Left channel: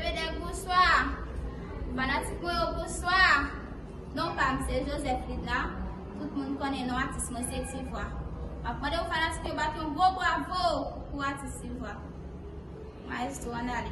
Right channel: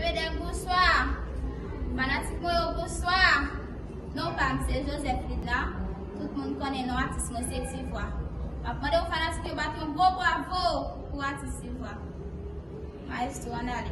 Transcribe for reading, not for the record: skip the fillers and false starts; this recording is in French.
Bébé bonsoir. Fanatique bonsoir. Non pas c'est Joseph Rita. Tout le monde connaît non artiste moi c'est Tivois. Après de fanatique battre un beau bravo pour artiste Tivois. Maestro Andali.